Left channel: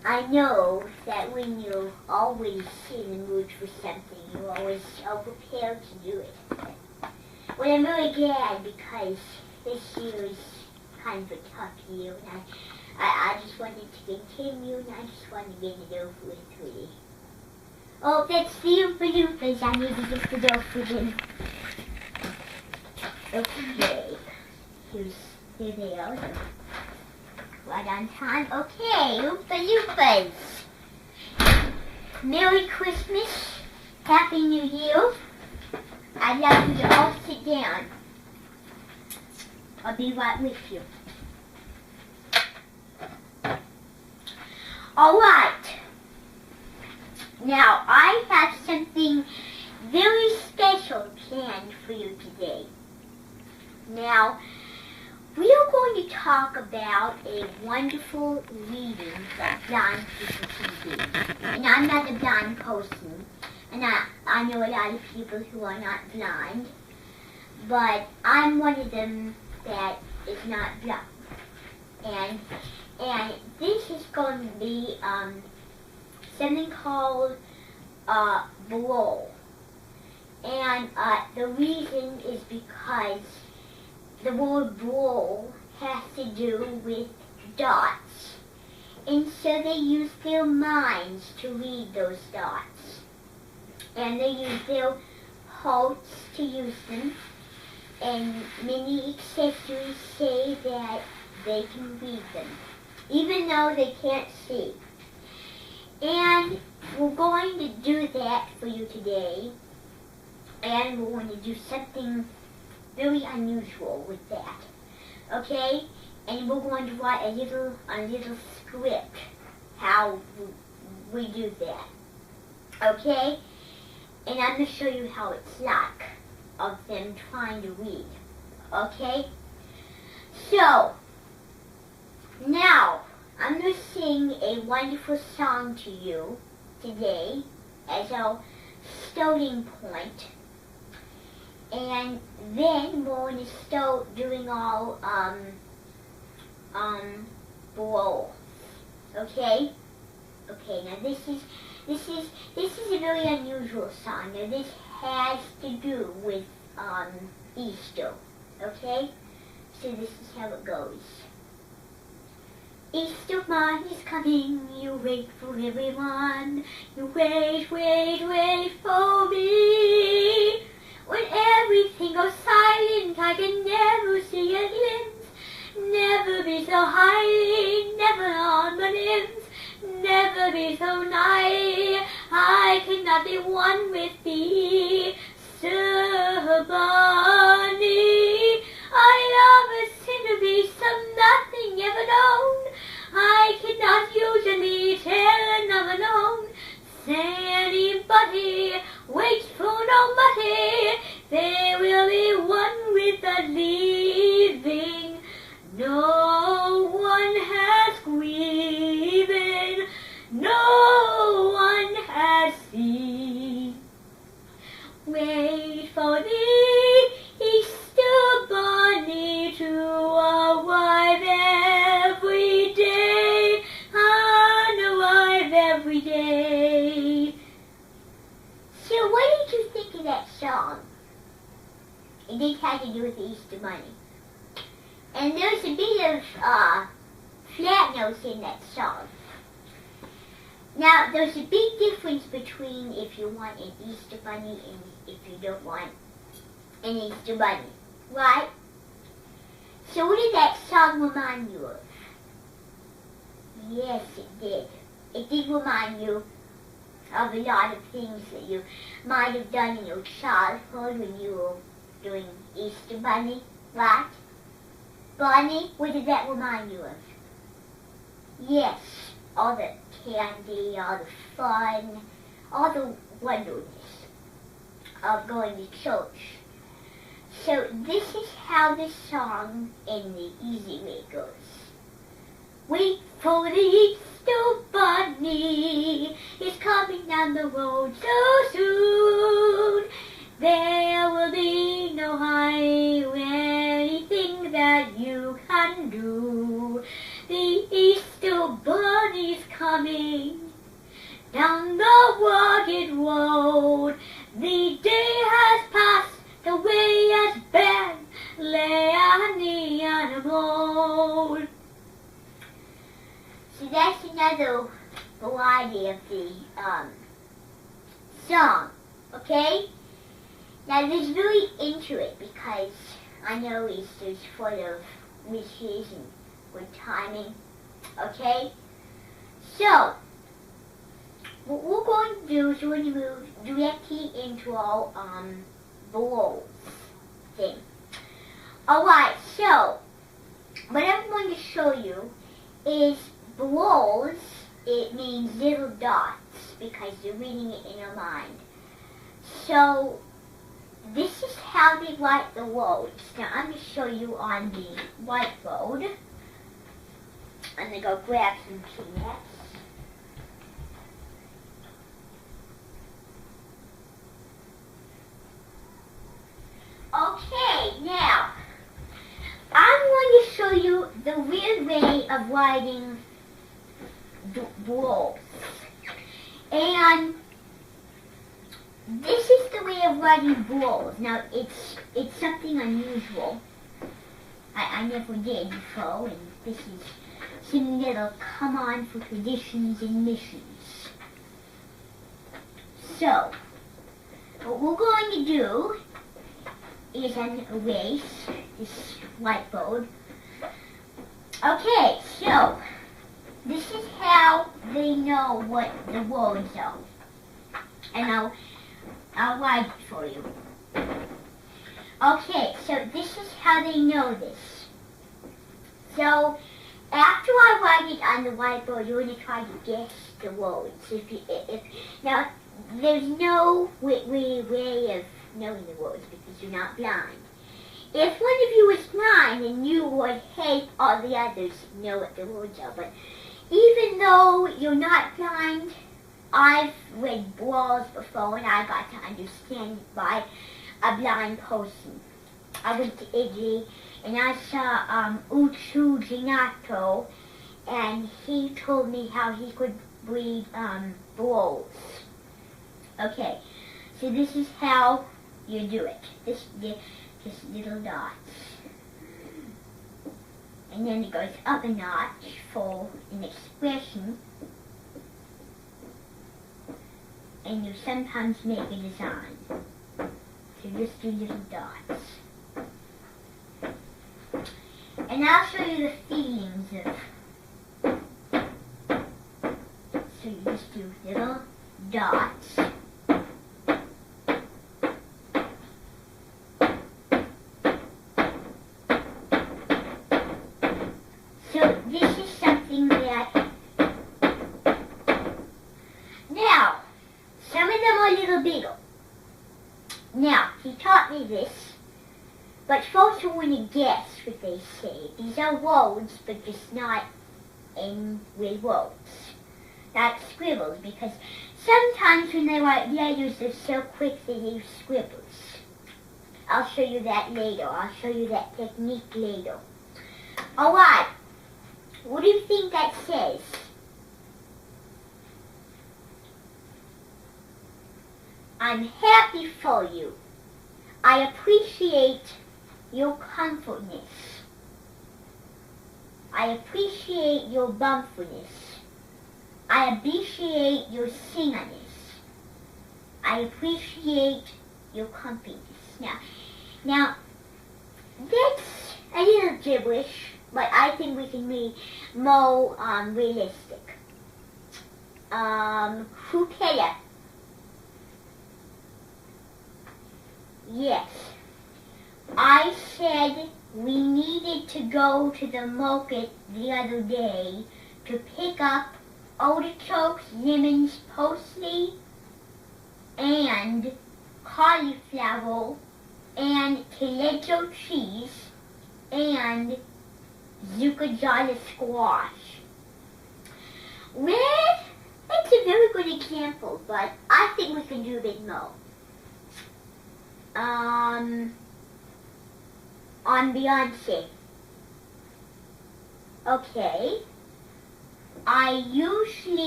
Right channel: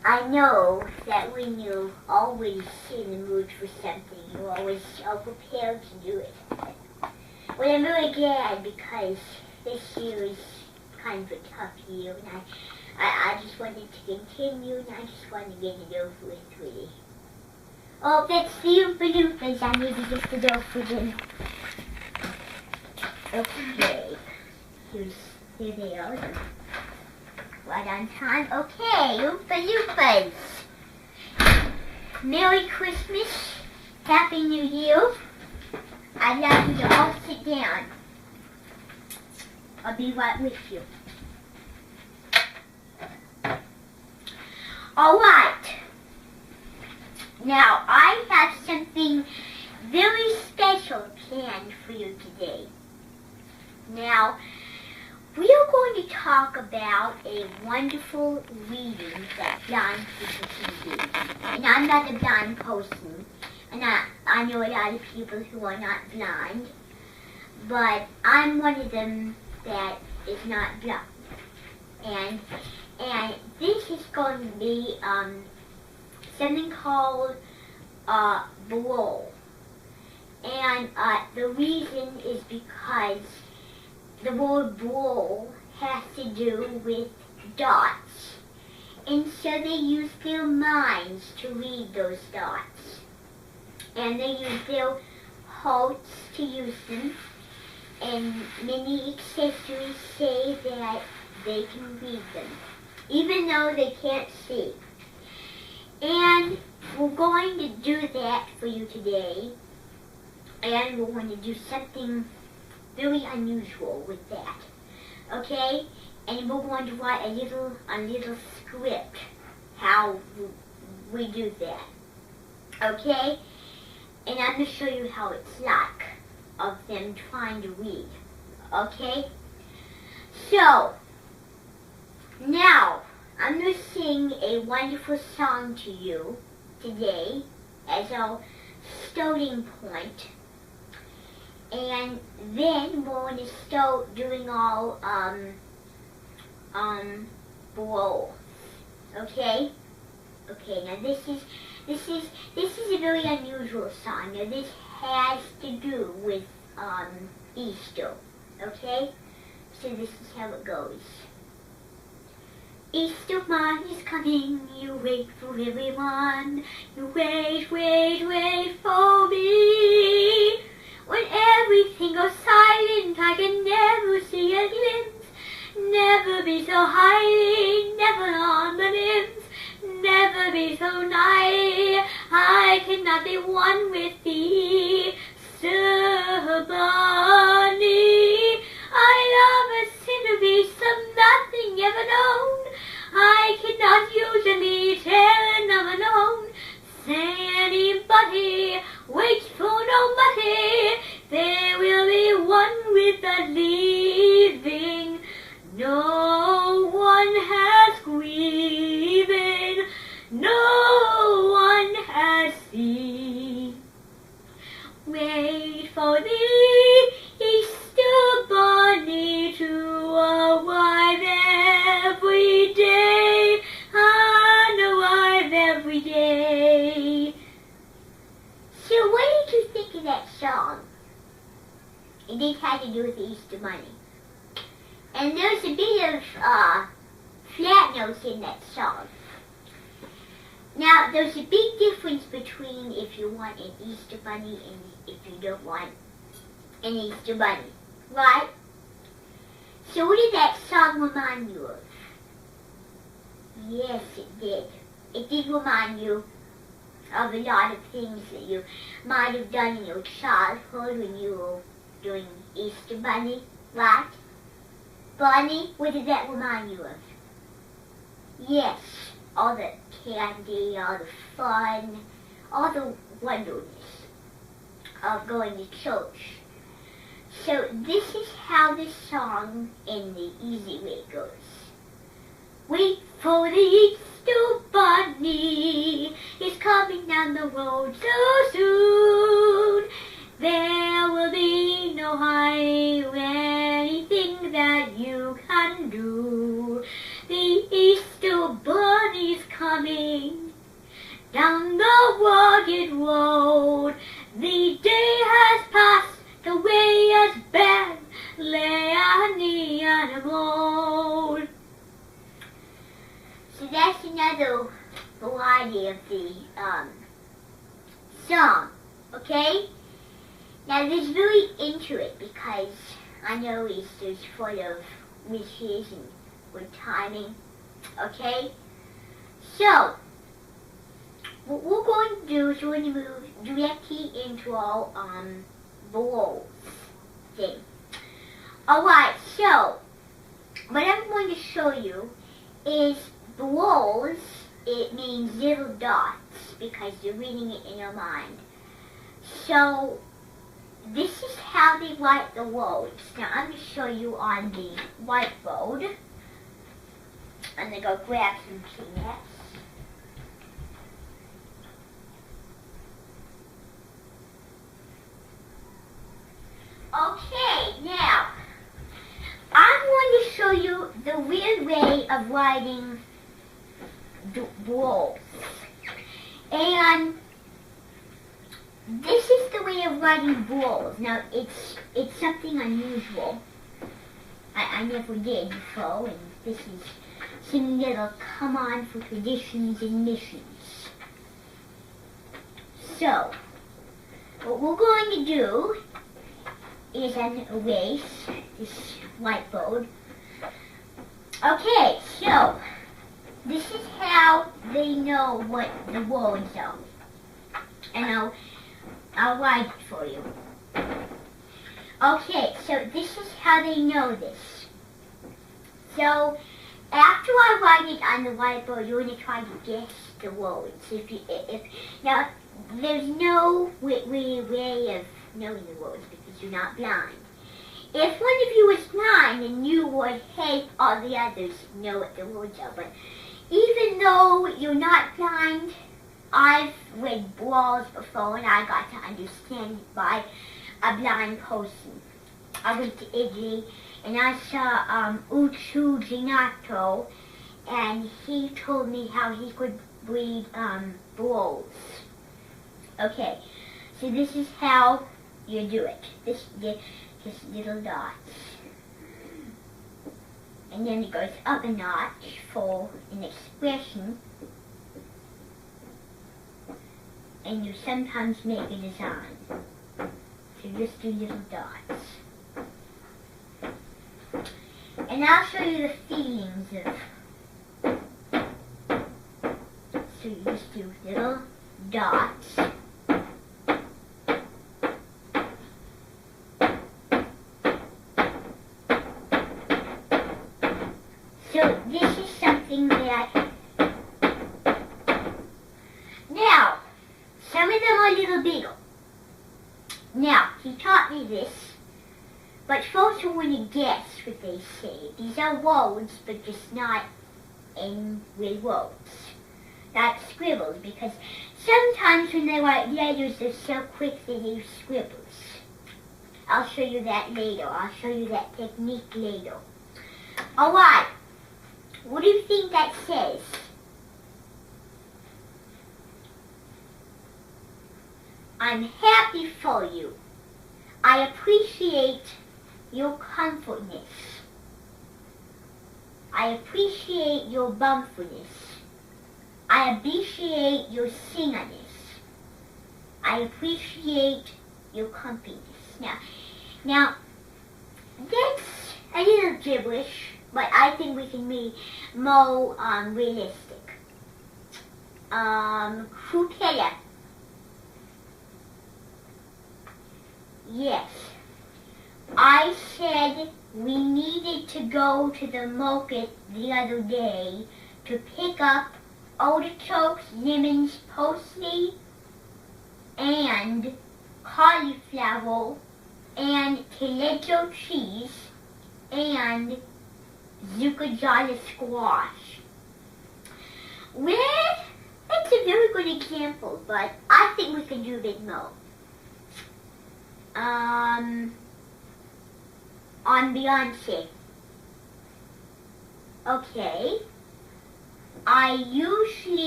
I know that when you're always in the mood for something, you're always so prepared to do it. Well, I'm really glad because this year is kind of a tough year, and I just wanted to continue, and I just wanted to get it over with, really. Oh, that's the bloopers. I need to get it over with. Okay. Here they are. Right on time. Okay, bloopers. Merry Christmas. Happy New Year. I'd like you to all sit down. I'll be right with you. Alright. Now, I have something very special planned for you today. Now, we are going to talk about a wonderful reading that blind people can do. And I'm not a blind person, and I know a lot of people who are not blind, but I'm one of them that is not blind. And this is going to be something called braille. And the reason is because the word braille has to do with dots. And so they use their minds to read those dots. And they use their hearts to use them. And many accessories say that they can read them, even though they can't see. And we're going to do that for you today. And we're going to do something very unusual with that. Okay? And we're going to write a little script how we do that. Okay? And I'm going to show you how it's like of them trying to read. Okay? So, now, I'm going to sing a wonderful song to you today as our starting point. And then we're going to start doing our braille. Okay? Okay, now this is a very unusual song. Now this has to do with Easter. Okay? So this is how it goes. Easter morn is coming, you wait for everyone. You wait, wait, wait for me. When everything goes silent, I can never see a glimpse. Never be so high, never on the limbs. Never be so nigh, I cannot be one with thee. Sir Bunny, I love a sinner beast of nothing ever known. I cannot usually tell another known. Say anybody, wait for nobody. There will be one with the leaving. No one has grieving. No one has seen. Wait for the Easter Bunny to arrive every day, and arrive every day. So what did you think of that song? And this had to do with the Easter Bunny. And there's a bit of flat notes in that song. Now, there's a big difference between if you want an Easter Bunny and if you don't want an Easter Bunny, right? So what did that song remind you of? Yes, it did. It did remind you of a lot of things that you might have done in your childhood when you were doing Easter Bunny, right? Bunny, what did that remind you of? Yes, all the candy, all the fun, all the wonderness of going to church. So this is how the song in the easy way goes. Wait for the Easter Bunny, it's coming down the road so soon. There will be no hurry, anything that you can do. The Easter Bunny's coming down the rugged road. The day has passed, the way has been, lay on the animal. So that's another variety of the song, okay? Now there's really into it because I know Easter's full of wishes and good timing, okay? So, what we're going to do is we're going to move directly into our bowl thing. Alright, so what I'm going to show you is bowls. It means little dots because you're reading it in your mind. So this is how they write the words. Now I'm going to show you on the whiteboard. I'm going to go grab some Kleenex. Okay, now, I'm going to show you the weird way of writing the words. And this is the way of writing words. Now, it's something unusual. I never did before, and this is something that'll come on for traditions and missions. So, what we're going to do is an erase this whiteboard. Okay, so this is how they know what the words are. And I'll write it for you. Okay, so this is how they know this. So after I write it on the whiteboard, you're going to try to guess the words. Now, there's no way of knowing the words because you're not blind. If one of you is blind, then you would help all the others know what the words are. But even though you're not blind, I've read words before and I got to understand it by a blind person. I went to Italy and I saw CIMG6904 and he told me how he could read words. Okay, so this is how you do it. Just little dots. And then it goes up a notch for an expression. And you sometimes make a design. So just do little dots. And I'll show you the feelings of. So you just do little dots. So this is something that, now, some of them are a little bigger. Now, he taught me this, but folks will want to guess what they say. These are words, but just not in real words. Not scribbles, because sometimes when they write letters, they're so quick they use scribbles. I'll show you that later. I'll show you that technique later. Alright. What do you think that says? I'm happy for you. I appreciate your comfortness. I appreciate your bumperness. I appreciate your singerness. I appreciate your compiness. Now, that's a little gibberish, but I think we can be more realistic. Frutella. Yes. I said we needed to go to the market the other day to pick up artichokes, lemons, parsley, and cauliflower, and tomato cheese, and zucchini squash. Well, that's a very good example, but I think we can do a bit more. On Beyonce. Okay. I usually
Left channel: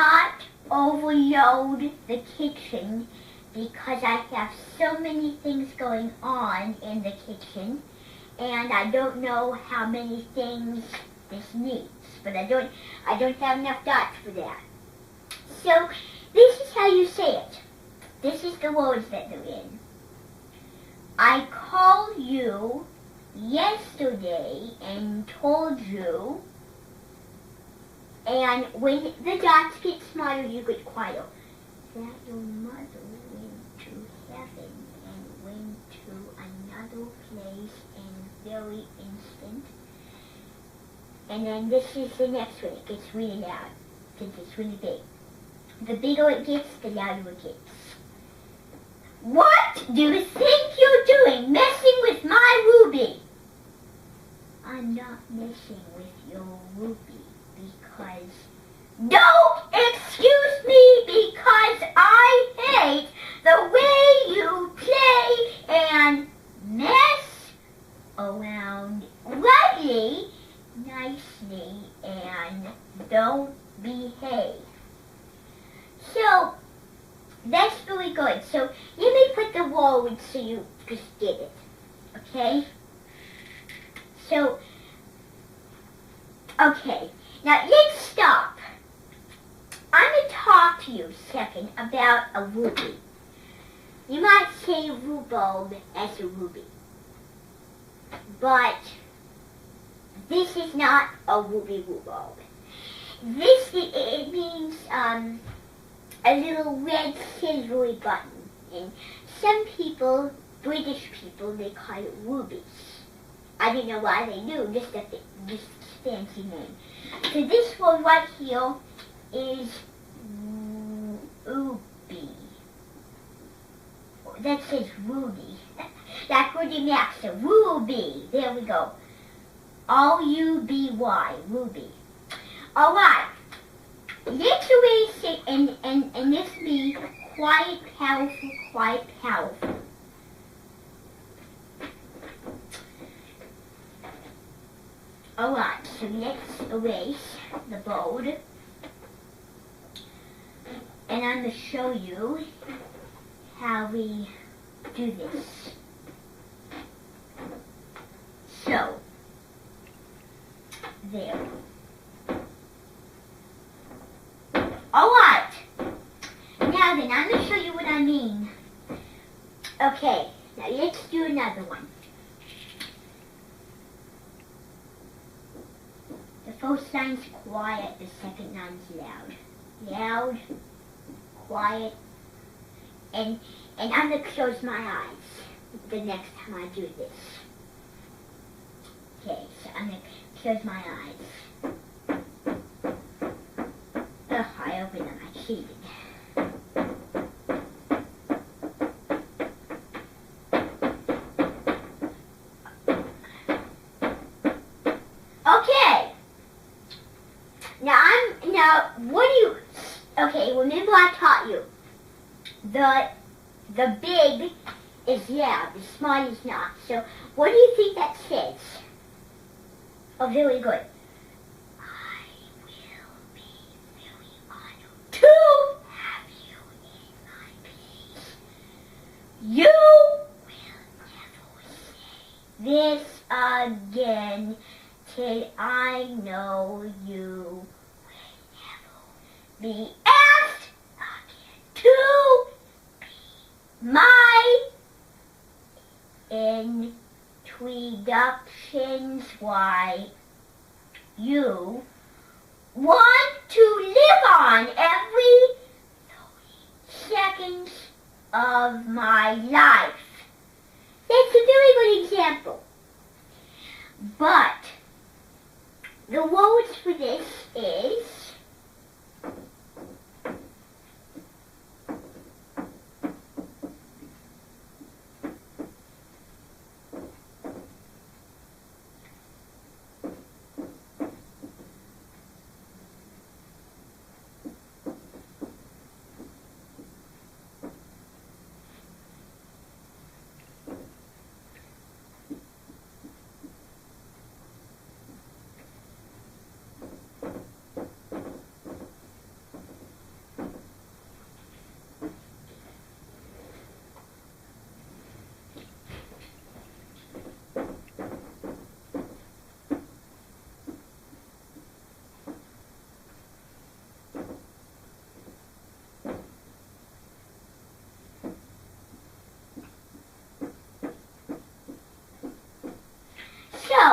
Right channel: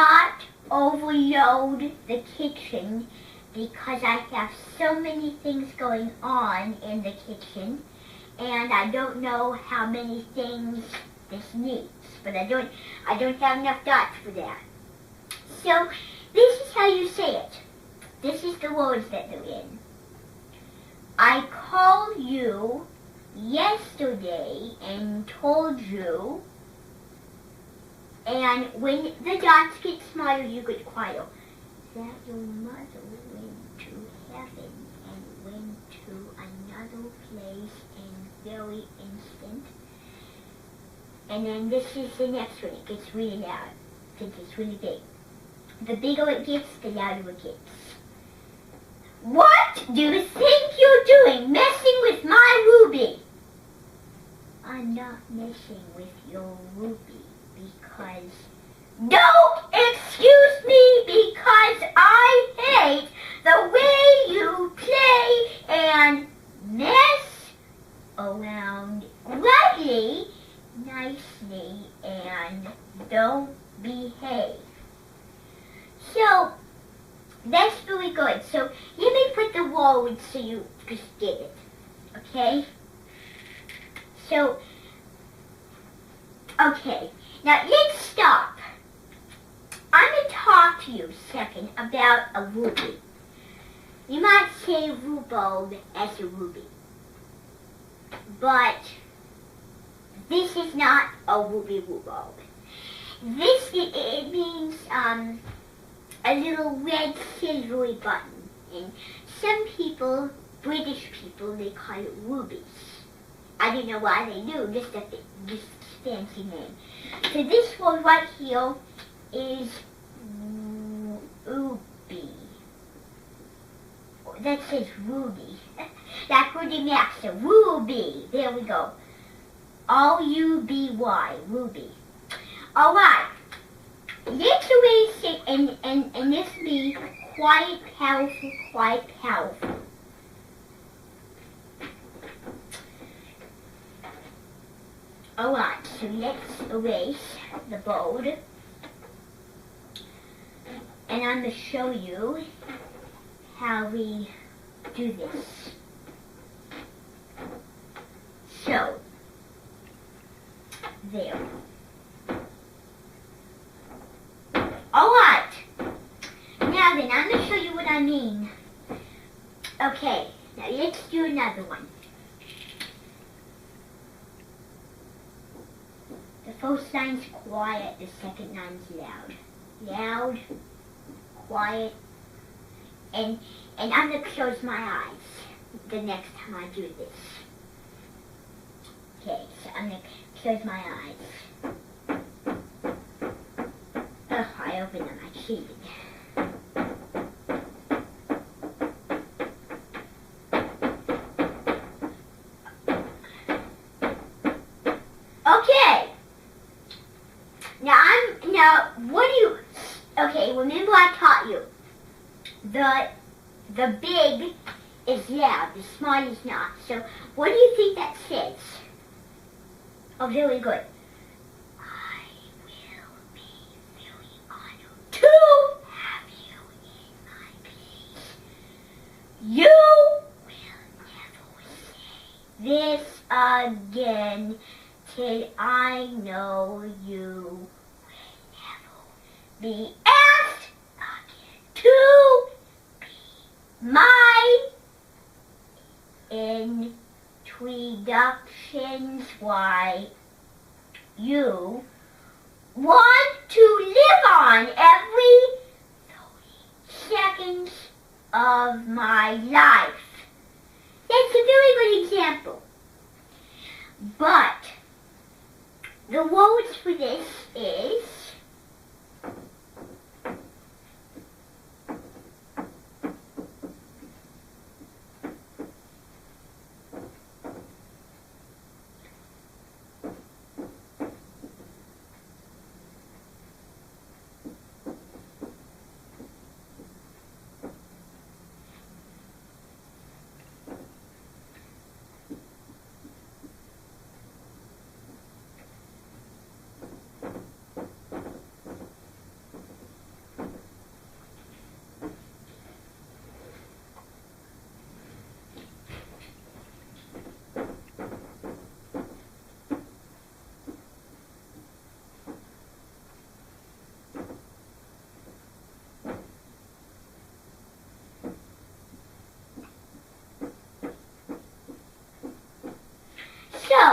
not overload the kitchen because I have so many things going on in the kitchen, and I don't know how many things this needs, but I don't have enough dots for that. So this is how you say it. This is the words that they're in. I called you yesterday and told you, and when the dots get smaller, you get quieter, that your mother went to heaven and went to another place in very instant. And then this is the next one. It gets really loud because it's really big. The bigger it gets, the louder it gets. What do you think you're doing, messing with my Ruby? I'm not messing with your Ruby because... Don't excuse me because I hate the way you play and mess around lightly, nicely, and don't behave. So, that's very good. So, let me put the words so you just get it. Okay? So, okay. Now, let's stop. I'm going to talk to you a second about a ruby. You might say rhubarb as a ruby. But this is not a ruby rhubarb. It means a little red silvery button. And some people, British people, they call it rubies. I don't know why they do, just a fancy name. So this one right here is ruby. That says ruby. That's Ruby Master. Ruby. There we go. R-U-B-Y. Ruby. Alright. Let's erase it and this be quite powerful, quite powerful. Alright, so let's erase the board. And I'm going to show you how we do this. So, there. Alright. Now then, I'm going to show you what I mean. Okay, now let's do another one. The first line's quiet, the second line's loud. Loud, quiet, and I'm going to close my eyes the next time I do this. Okay, so I'm going to close my eyes. Oh, I opened them, I cheated. Okay. Okay, remember I taught you. The big is loud, the small is not. So, what do you think that says? Oh, very good. I will be very honored to have you in my place. You will never say this again till I know you will never be asked again to be my introductions. Why you want to live on every 30 seconds of my life. That's a very good example. But the words for this is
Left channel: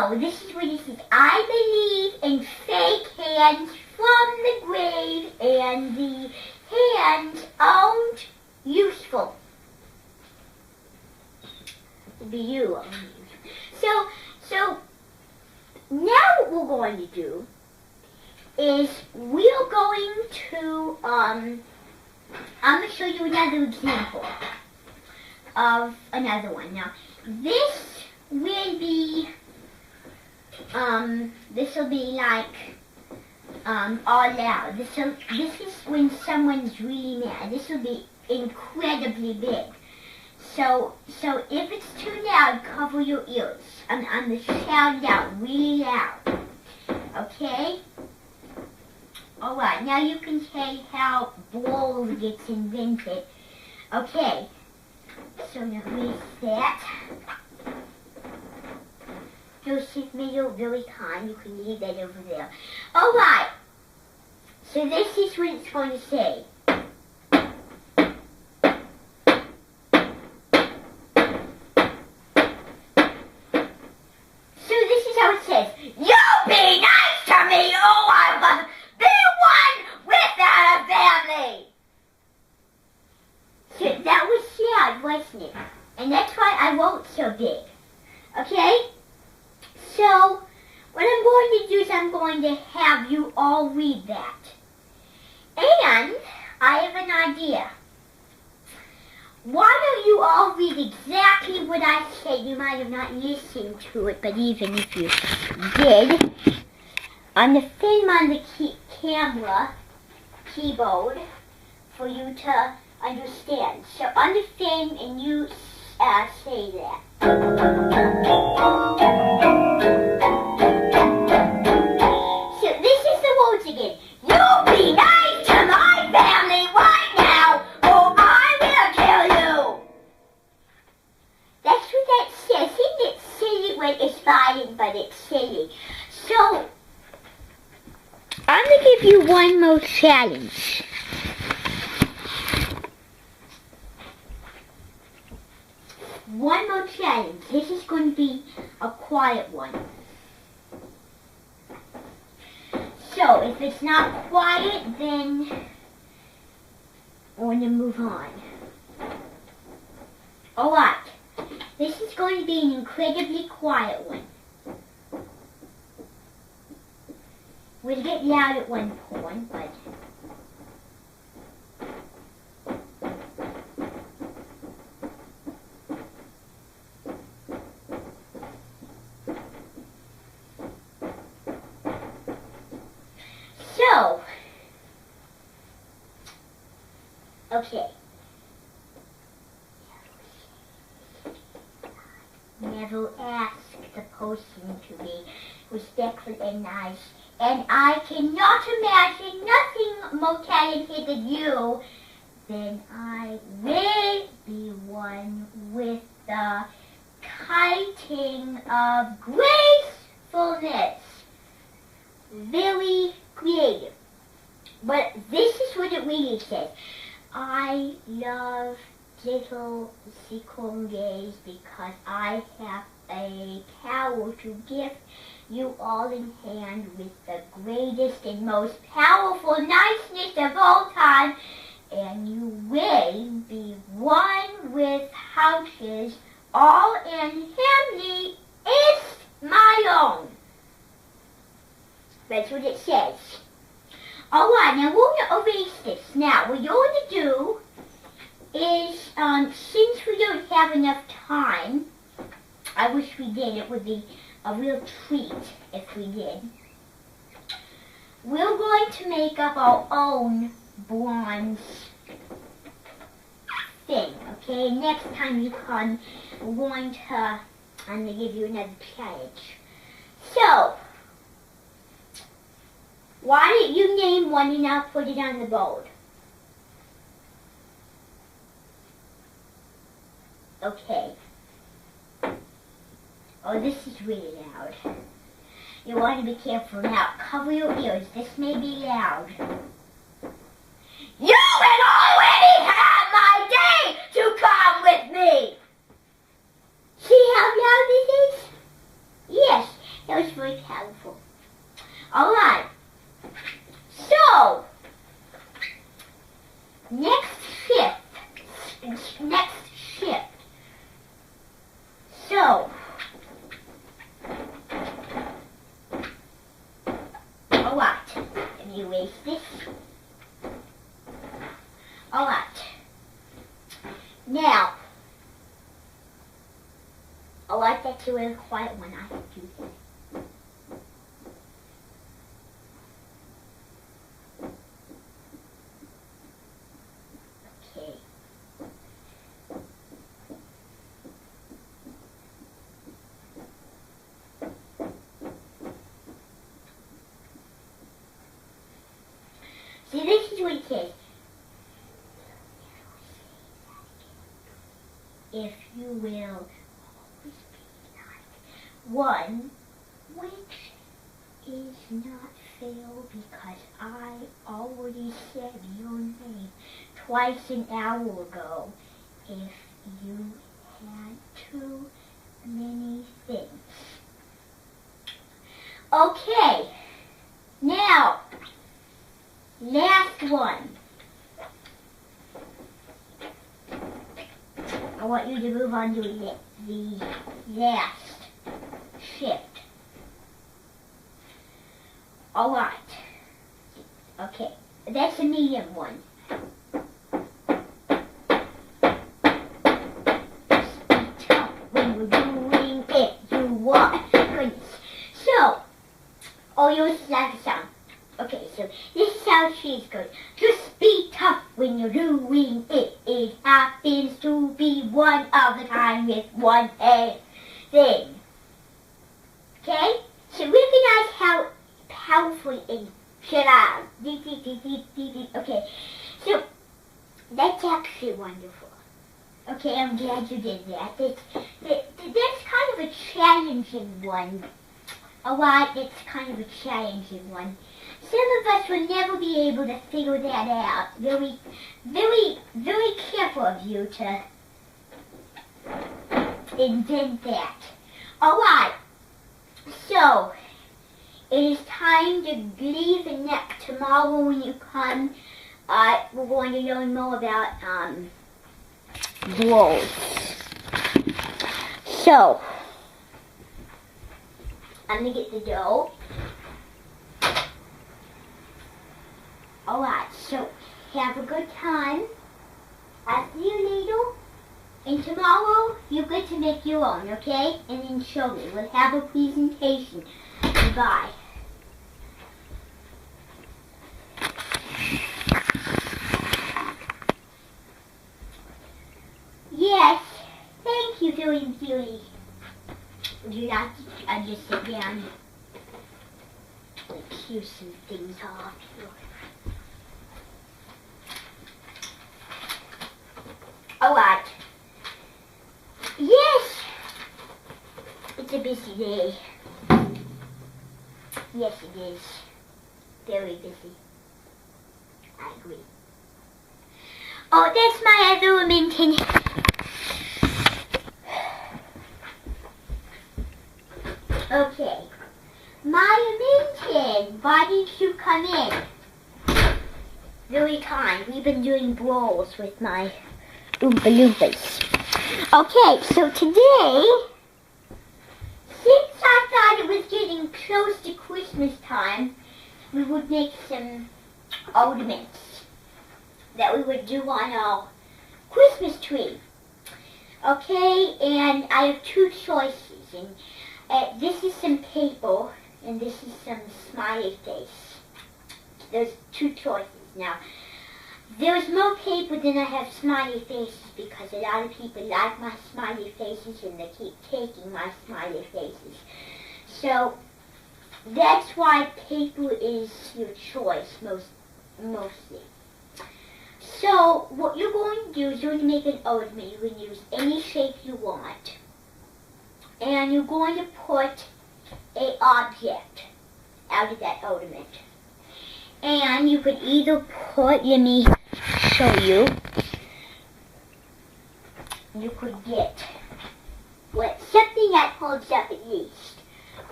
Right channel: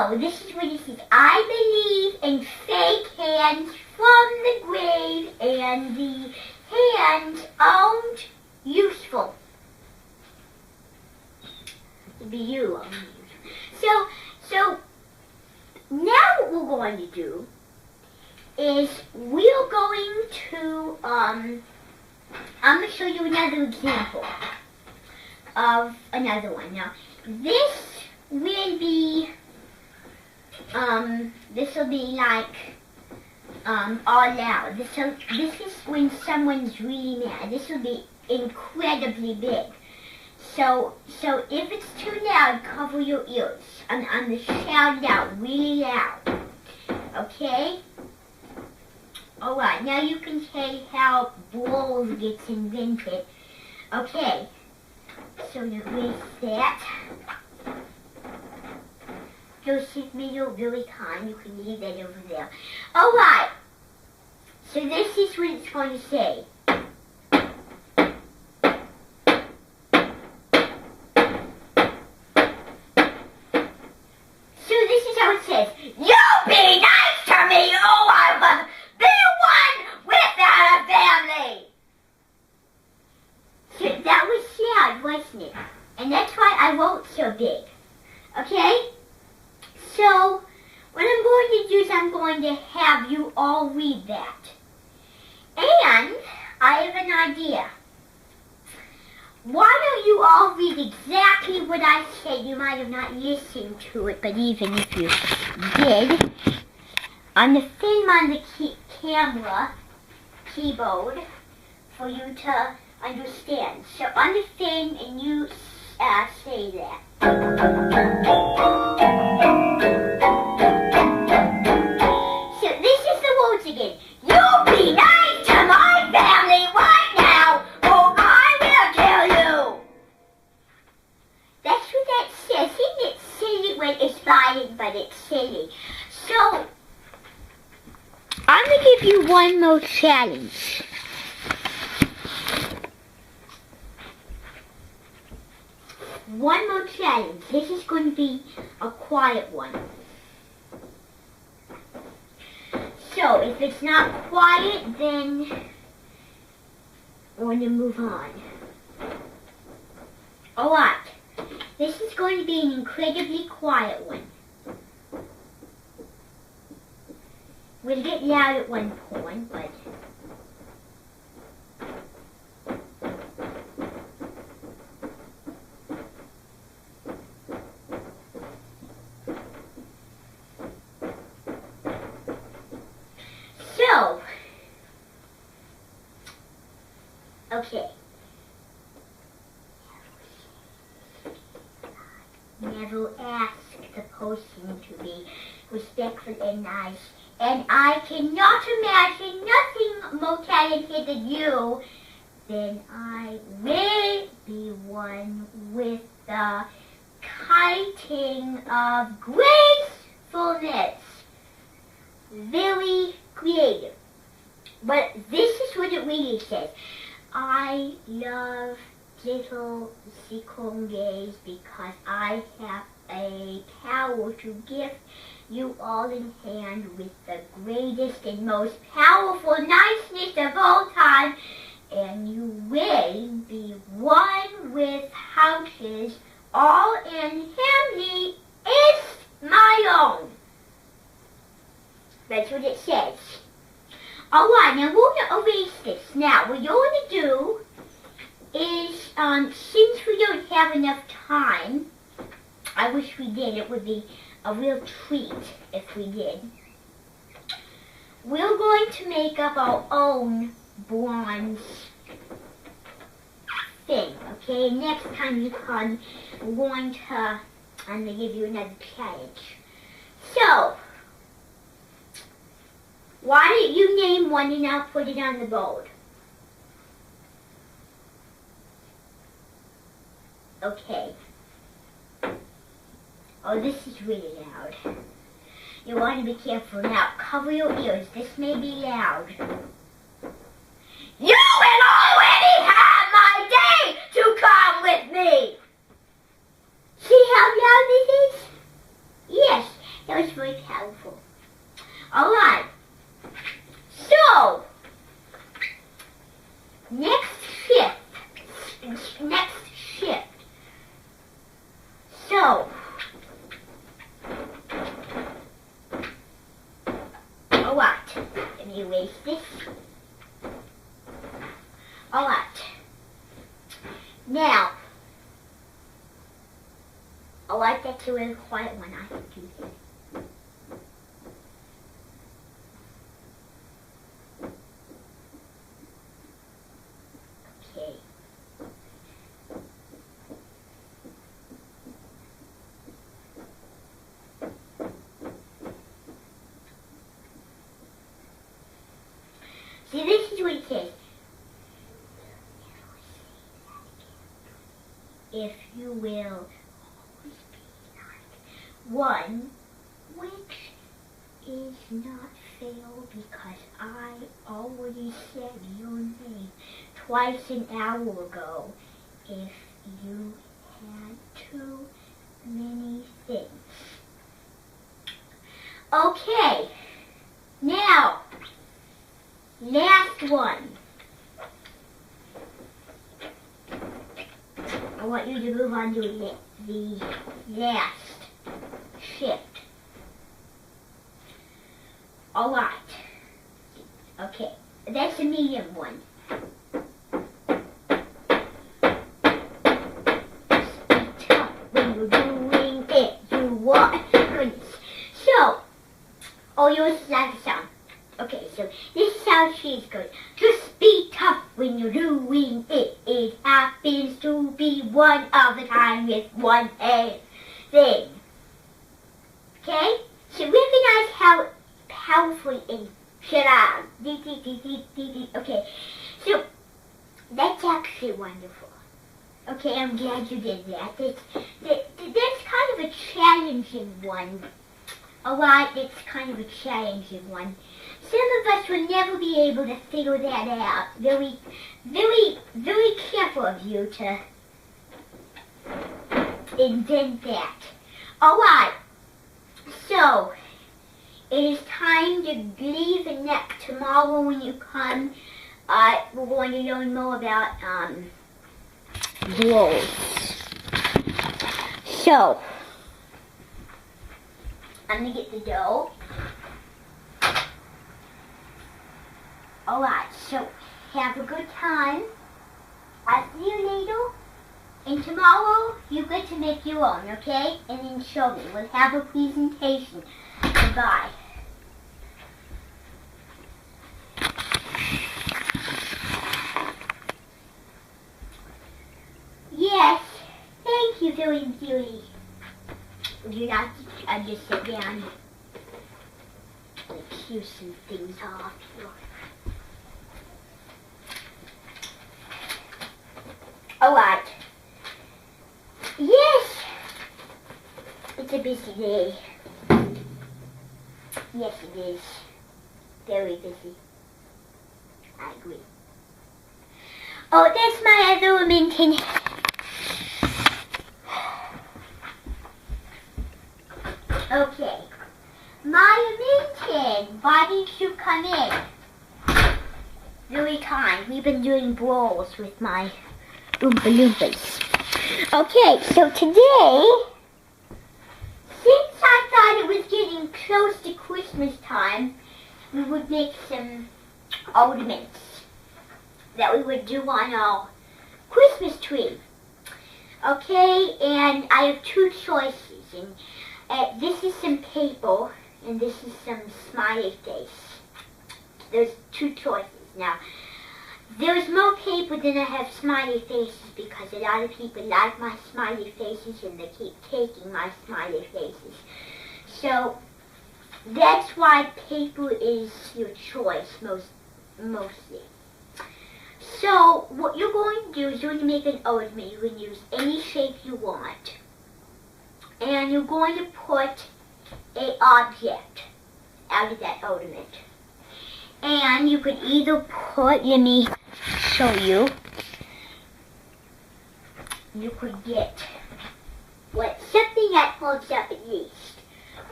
So, this is what it says. I believe in fake hands from the grave, and the hands aren't useful. It'd be you. So, now what we're going to do is we're going to, I'm going to show you another example of another one. Now, this will be like, all loud. This is when someone's really mad. This will be incredibly big. So if it's too loud, cover your ears. I'm going to shout it out really loud. Okay? Alright, now you can say how brawl gets invented. Okay, so let me set. Joseph Middle really kind, you can leave that over there. Alright, so this is what it's going to say. So this is how it says. You be nice to me, or I will be one without a family. So that was sad, wasn't it? And that's why I wrote so big. Okay? So, what I'm going to do is I'm going to have you all read that. And I have an idea. Why don't you all read exactly what I said? You might have not listened to it, but even if you did, on the thing on the camera keyboard for you to understand. So on the thing, and you say that. So this is the words again. You be nice to my family right now, or I will kill you. That's what that says. Isn't it silly when it's violent, but it's silly? So, I'm going to give you one more challenge. One more challenge. This is going to be a quiet one. So, if it's not quiet, then we're going to move on. Alright. This is going to be an incredibly quiet one. We'll get loud at one point, but... So, okay. Never ask the person to be respectful and nice, and I cannot imagine nothing more talented than you. Then I will be one with the kiting of gracefulness. Very creative. But this is what it really says. I love little Sikonges because I have a power to gift you all in hand with the greatest and most powerful niceness of all time, and you will be one with houses all in family is my own. That's what it says. Alright, now we're going to erase this. Now, what you're going to do is, since we don't have enough time, I wish we did, it would be a real treat if we did. We're going to make up our own bronze thing, okay? Next time you come, I'm going to give you another challenge. So, why don't you name one and I'll put it on the board? Okay. Oh, this is really loud. You want to be careful now. Cover your ears. This may be loud. You will already have my day to come with me. See how loud it is? Yes. That was very powerful. Alright. So, next shift. So, alright. Let me erase this. Alright. Now, alright, that's a really quiet one. I have to do this. Okay. See, this is what it says. If you will one which is not fail because I already said your name twice an hour ago. If you had too many things. Okay, now, last one. I want you to move on to the last shift. Alright. Okay, that's the medium one. When you're doing it, you want. So, oh, yours is like a sound. Okay, so this is how she's going. Just be tough when you're doing it. It happens to be one of a kind with one thing. Okay? So recognize how powerful and shut. Okay, so that's actually wonderful. Okay, I'm glad you did that. That's kind of a challenging one. Alright, it's kind of a challenging one. Some of us will never be able to figure that out. Very, very, very careful of you to invent that. Alright, so it is time to leave, and tomorrow when you come, we're going to learn more about blows. So, I'm going to get the dough. Alright, so have a good time. I'll see you later. And tomorrow, you get to make your own, okay? And then show me. We'll have a presentation. Goodbye. Yes, thank you, very, very. I'll just sit down and cue some things off. Alright. Yes! It's a busy day. Yes, it is. Very busy. I agree. Oh, that's my other minting. Okay. My minting, why did you come in? Very kind. We've been doing brawls with my Oompa Loompas. Okay, so today, since I thought it was getting close to Christmas time, we would make some ornaments that we would do on our Christmas tree. Okay, and I have two choices. And this is some paper, and this is some smiley face. There's two choices. Now, there's more paper than I have smiley faces because a lot of people like my smiley faces and they keep taking my smiley faces. So, that's why paper is your choice mostly. So, what you're going to do is you're going to make an ornament. You can use any shape you want. And you're going to put an object out of that ornament. And you could either put, let me show you, you could get something that holds up at least.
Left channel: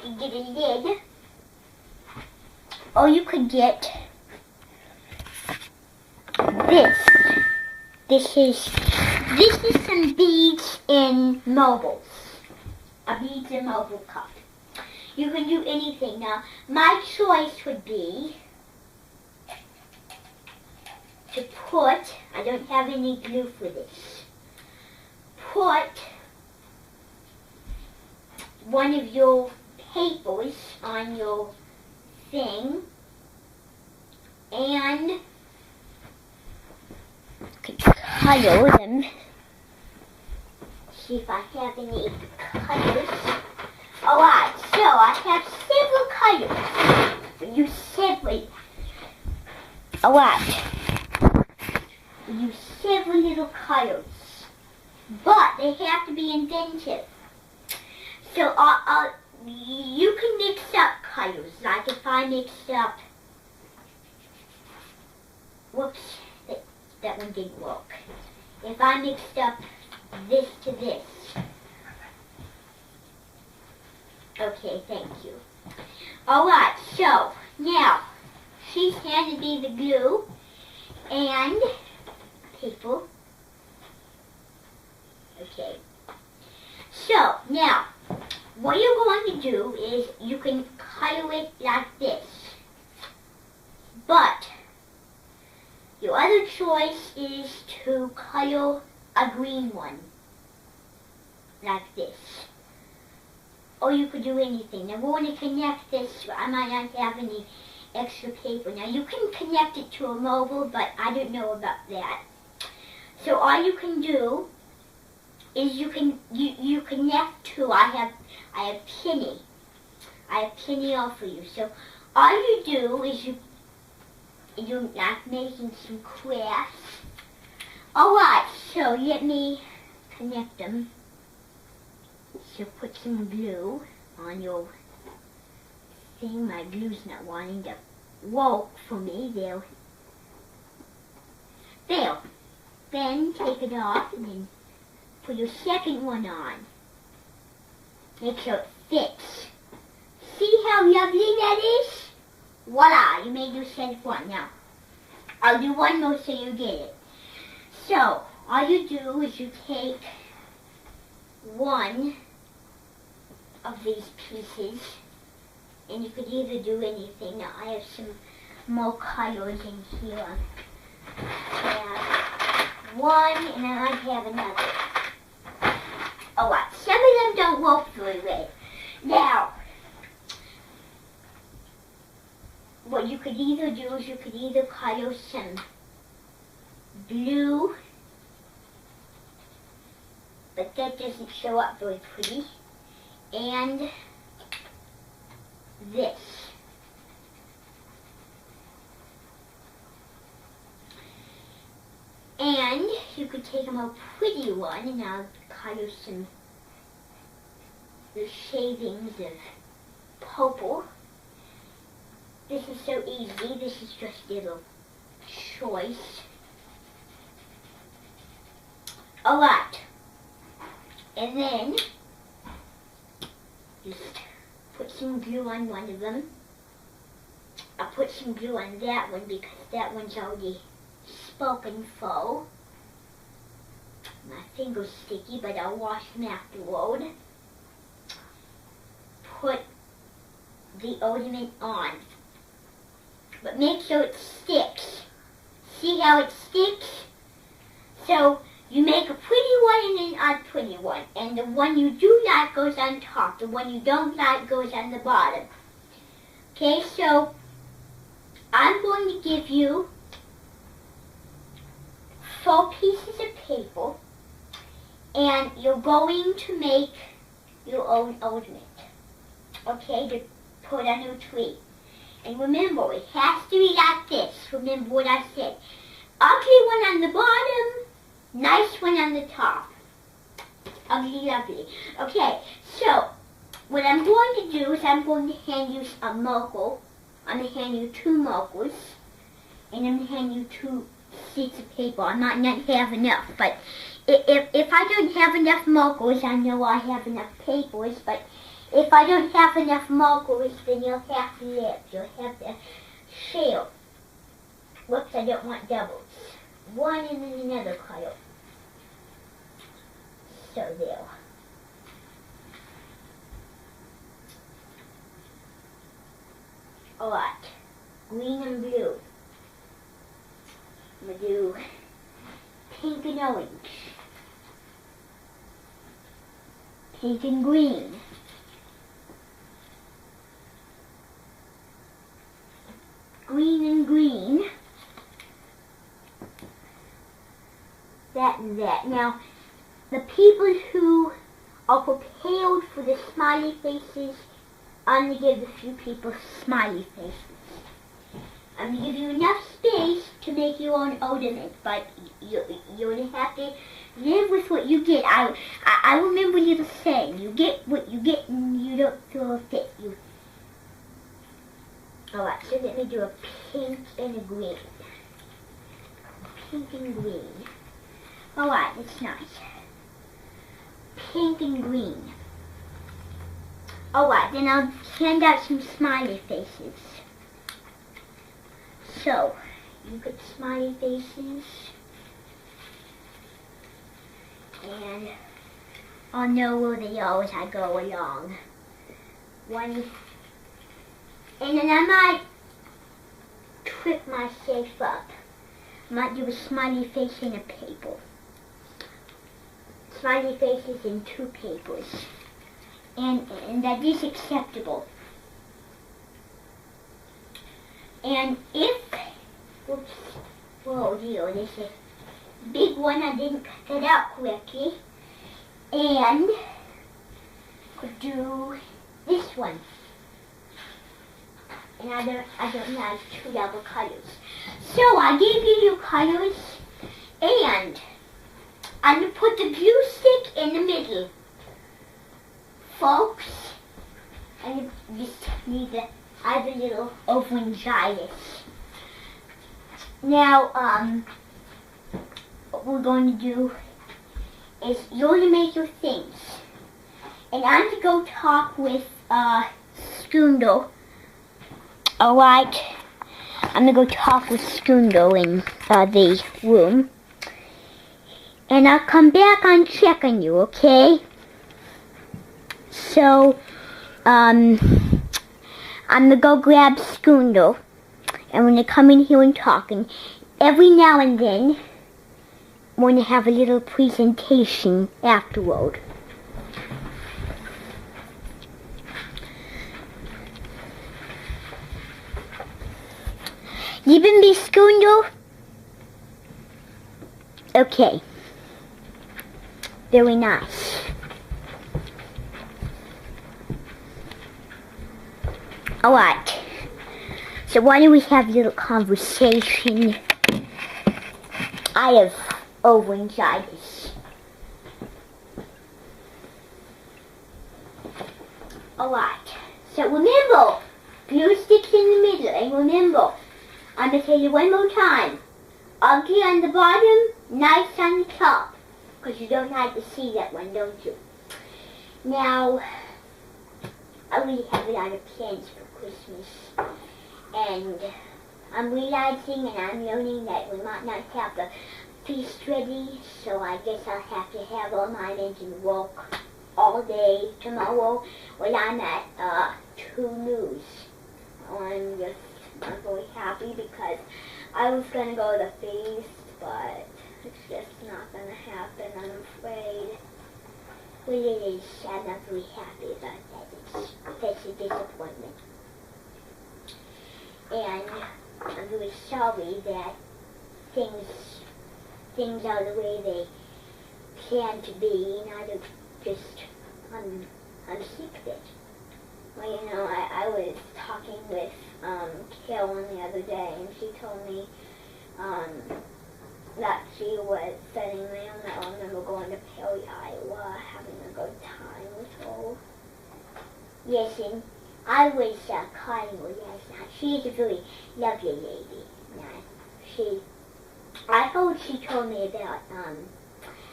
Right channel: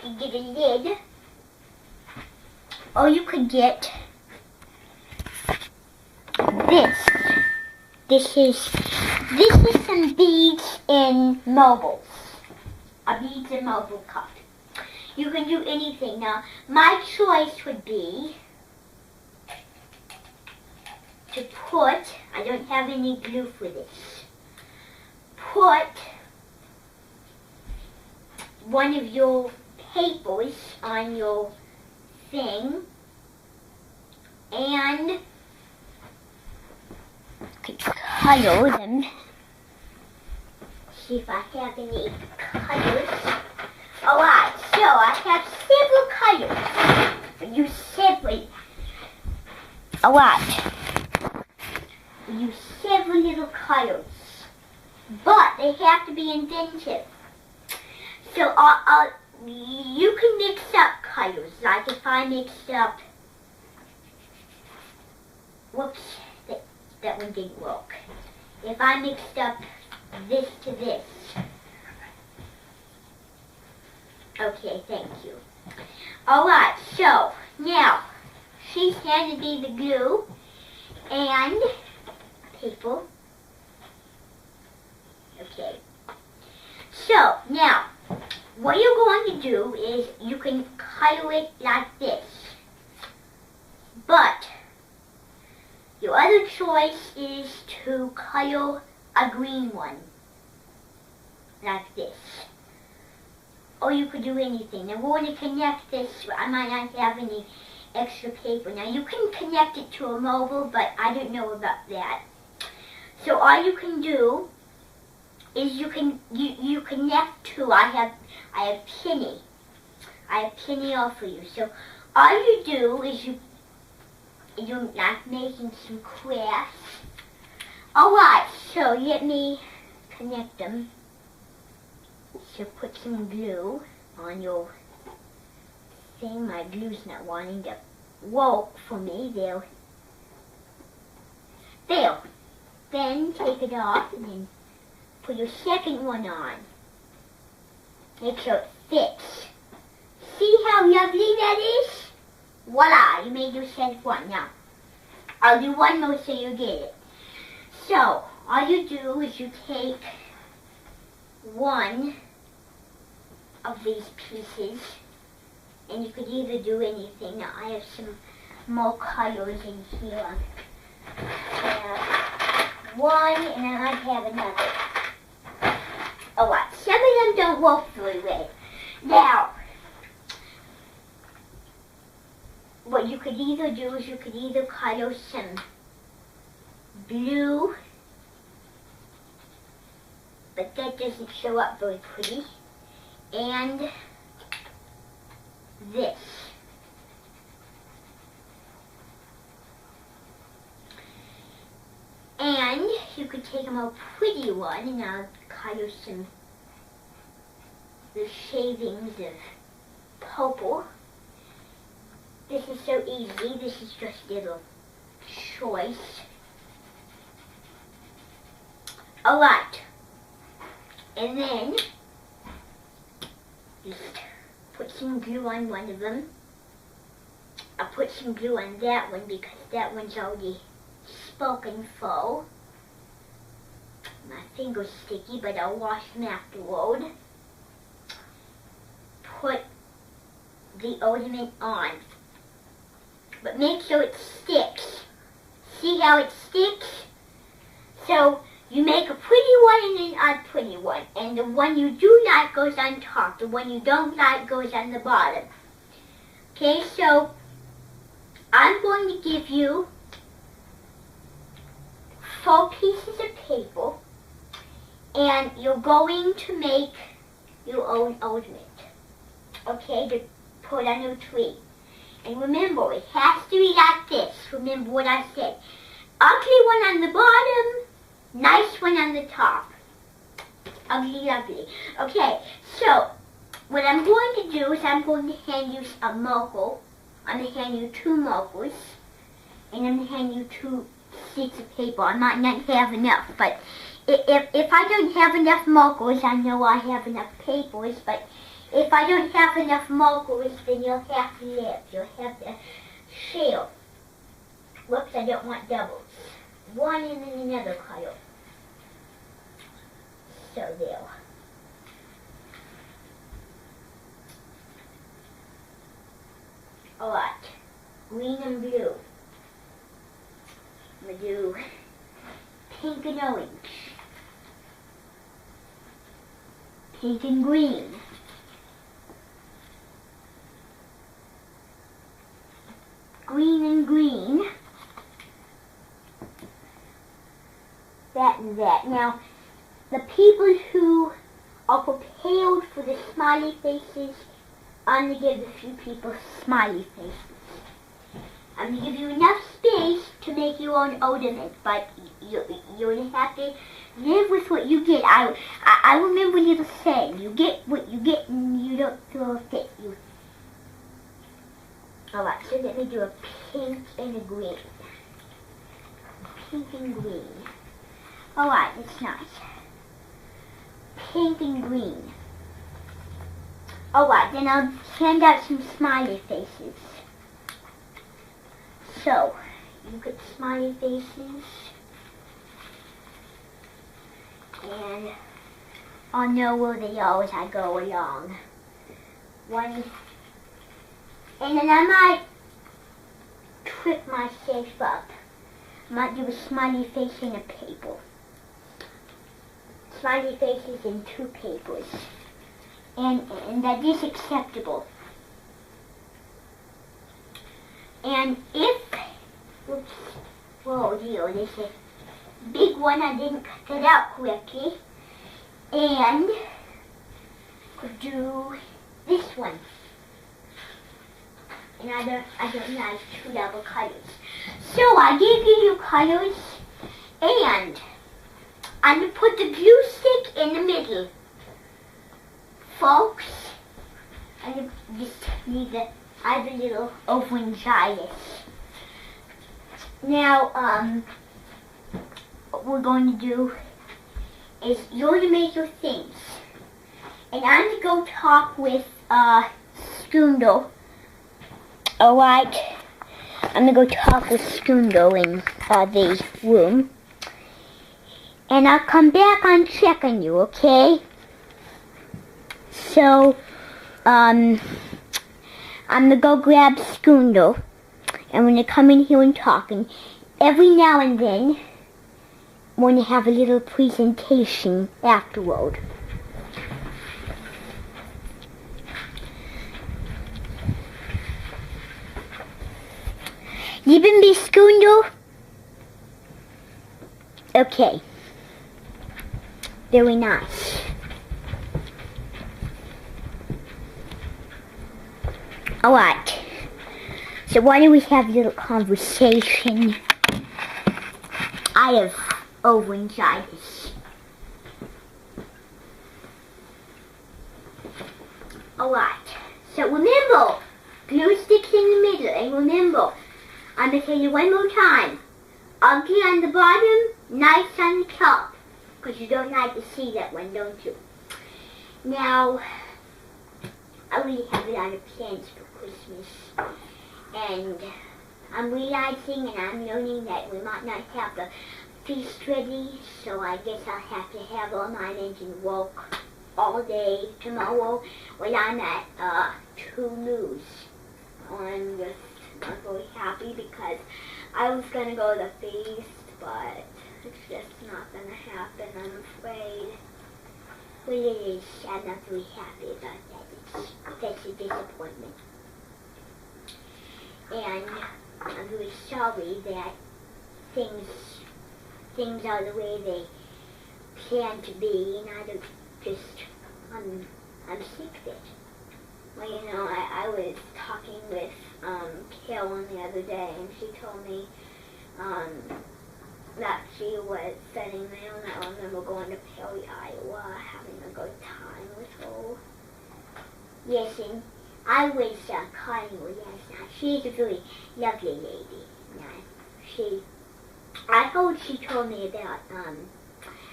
could get a lid, or you could get this. This is some beads in marble. A beads in marble cup. You can do anything. Now, my choice would be to put, I don't have any glue for this, put one of your papers on your thing and color them. See if I have any colors. Alright, so I have several colors. Use several. Alright. Use several little colors. But they have to be inventive. So you can mix up colors. Like if I mixed up, whoops, that one didn't work. If I mixed up this to this. Okay, thank you. Alright, so now she's handed me the glue and paper. Okay. So now what you're going to do is you can color it like this. But your other choice is to color a green one. Like this. Or you could do anything. I'm going to connect this. I might not have any extra paper. Now you can connect it to a mobile, but I don't know about that. So all you can do is you connect to, I have Penny. I have Penny all for you. So all you do is you're like making some crafts. Alright, so let me connect them. So put some glue on your thing. My glue's not wanting to work for me. There. Then take it off and then put your second one on. Make sure it fits. See how lovely that is? Voila, you made yourself one. Now, I'll do one more so you get it. So, all you do is you take one of these pieces, and you could either do anything. Now, I have some more colors in here. One, and then I have another. Alright, some of them don't work very well. Now, what you could either do is you could either color some blue, but that doesn't show up very pretty, and this. And you could take a more pretty one, and I'll color some the shavings of purple. This is so easy. This is just a little choice. Alright. And then you put some glue on one of them. I'll put some glue on that one because that one's already spoken for. My finger's sticky, but I'll wash them afterward. Put the ornament on. But make sure it sticks. See how it sticks? So you make a pretty one and then a pretty one. And the one you do like goes on top. The one you don't like goes on the bottom. Okay, so I'm going to give you 4 pieces of paper. And you're going to make your own ornament. Okay, to put on your tree. And remember, it has to be like this. Remember what I said. Ugly one on the bottom, nice one on the top. Ugly, ugly. Okay, so what I'm going to do is I'm going to hand you a marker. I'm going to hand you 2 markers. And I'm going to hand you 2 sheets of paper. I might not have enough, but if I don't have enough markers, I know I have enough papers, but If I don't have enough markers, then you'll have to live. You'll have to share. Whoops, I don't want doubles. One and then another color. So there. Alright. Green and blue. I'm going to do pink and orange. Pink and green. Green and green. That and that. Now, the people who are prepared for the smiley faces, I'm going to give a few people smiley faces. I'm going to give you enough space to make your own ornament, but you're going to have to live with what you get. I remember you were saying, you get what you get and you don't throw a fit. Alright, so let me do a pink and a green. Pink and green. Alright, that's nice. Pink and green. Alright, then I'll hand out some smiley faces. So, you put smiley faces. And I'll know where they are as I go along. One. And then I might trip myself up. I might do a smiley face in a paper. Smiley faces in 2 papers. And that is acceptable. And if, oops, whoa dear, there's a big one I didn't get out correctly. And could do this one. And I don't have 2 double colors. So I gave you your colors, and I'm going to put the glue stick in the middle. Folks, I just need the, I have a little orangitis. Now, what we're going to do is you're going to make your things. And I'm going to go talk with, Skundle. Alright, I'm going to go talk with Skundle in the room. And I'll come back and check on you, okay? So, I'm going to go grab Skundle. And when you come in here and talking, every now and then, I'm going to have a little presentation afterward. Even be Skundle? Okay. Very nice. Alright. So why don't we have a little conversation? I have laryngitis. Alright. So remember, glue sticks in the middle, and remember, I'm going to tell you one more time. Ugly on the bottom, nice on the top. Because you don't like to see that one, don't you? Now, I really have a lot of plans for Christmas. And I'm realizing and I'm learning that we might not have the feast ready. So I guess I'll have to have all my engine work all day tomorrow when I'm at 2 News. I'm just not very happy because I was going to go to the feast, but it's just not going to happen, I'm afraid. Well, it is. I'm not very happy about that. It's a disappointment. And I'm really sorry that things are the way they plan to be, and I just, I'm sick of it. Well, you know, I was talking with Carolyn the other day, and she told me that she was sending me on that. I remember going to Perry, Iowa, having a good time with her. Yes, and I was calling her last night. She's a really lovely lady. Yeah, I heard she told me about